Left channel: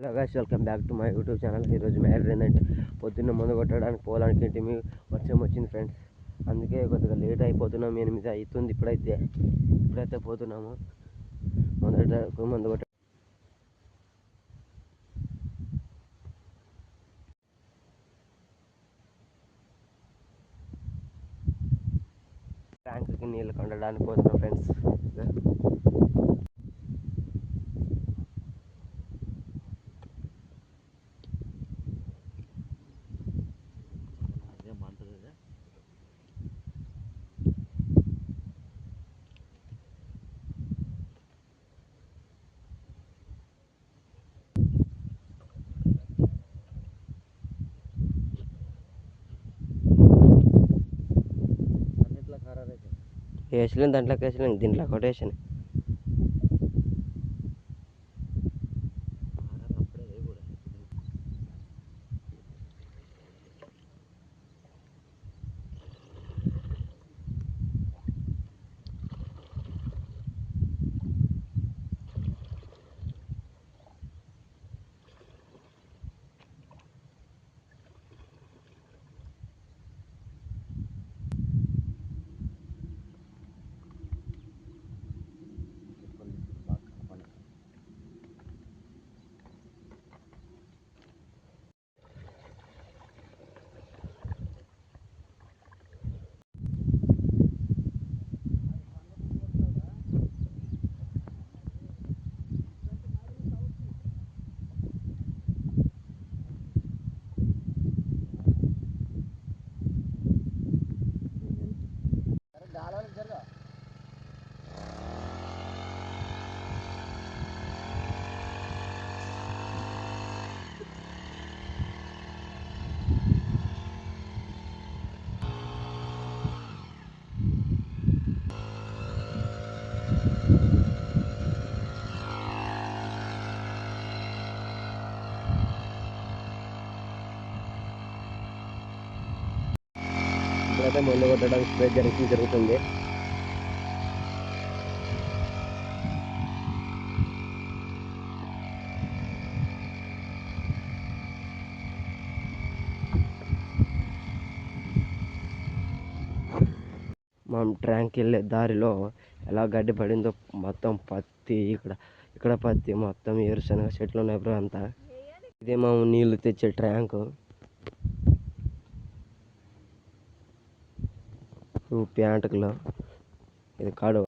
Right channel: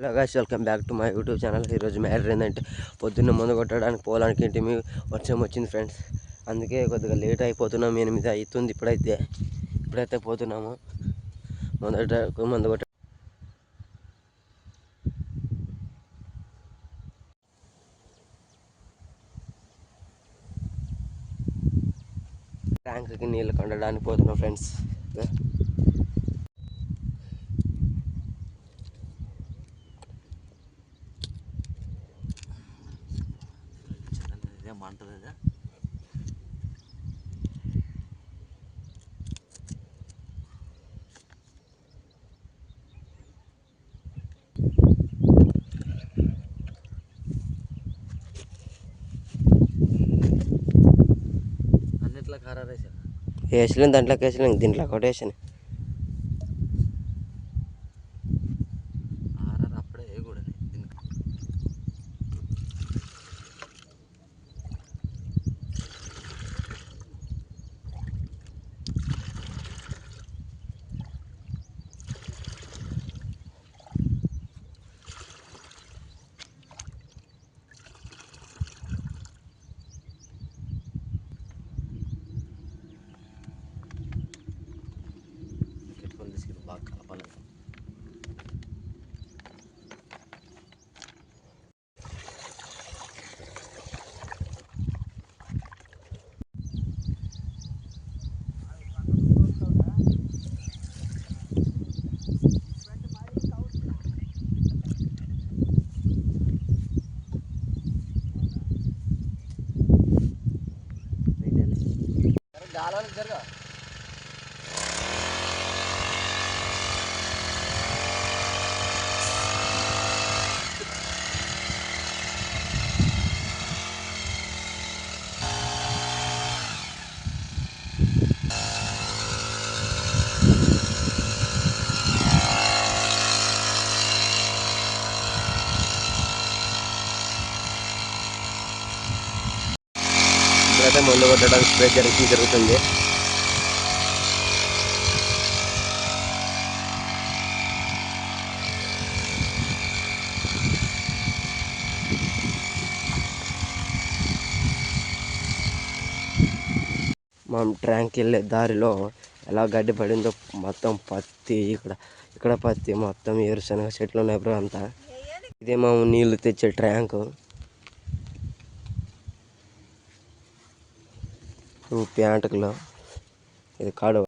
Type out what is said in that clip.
Hello guys welcome back to my YouTube channel ఈరోజు matter ఏంటంటే పొద్దున్న ముందు కొట్టడానికి పోవడానికి ఏంటి మీ వర్షం వచ్చింది ఫ్రెండ్స్ అందుకే కొద్దిగా లేట్ అయిపోతున్నాం ఎనిమిది అవుతుంది ఇప్పుడైతే. ఇప్పుడైతే పోతున్నాము. మొదట ముందు కొట్ట ట్యాంక్కి నీళ్ళు కొండడానికి పోతున్నాం ఫ్రెండ్స్ బాగుంటుంది కదా ఇదే అన్నిట్లో దాంట్లోకి వేసలేం దీంట్లో ఒకటి వేసాను. గాలాలకు జరగా ఇప్పుడైతే మందు కొట్టడానికి స్ప్రే జరిగి జరుగుతుంది. మనం ట్రాంక్ వెళ్ళే దారిలో ఎలా గడ్డి పడిందో మొత్తం పత్తి ఇక్కడ ఇక్కడ పత్తి మొత్తం ఏరుశనగ చెట్లు ఉన్నాయి బ్రో అంతా. ఇదే మా నీళ్ళు తెచ్చే ట్యాంక్. ఇవి ప్యాంటుకులో ఇది కాడు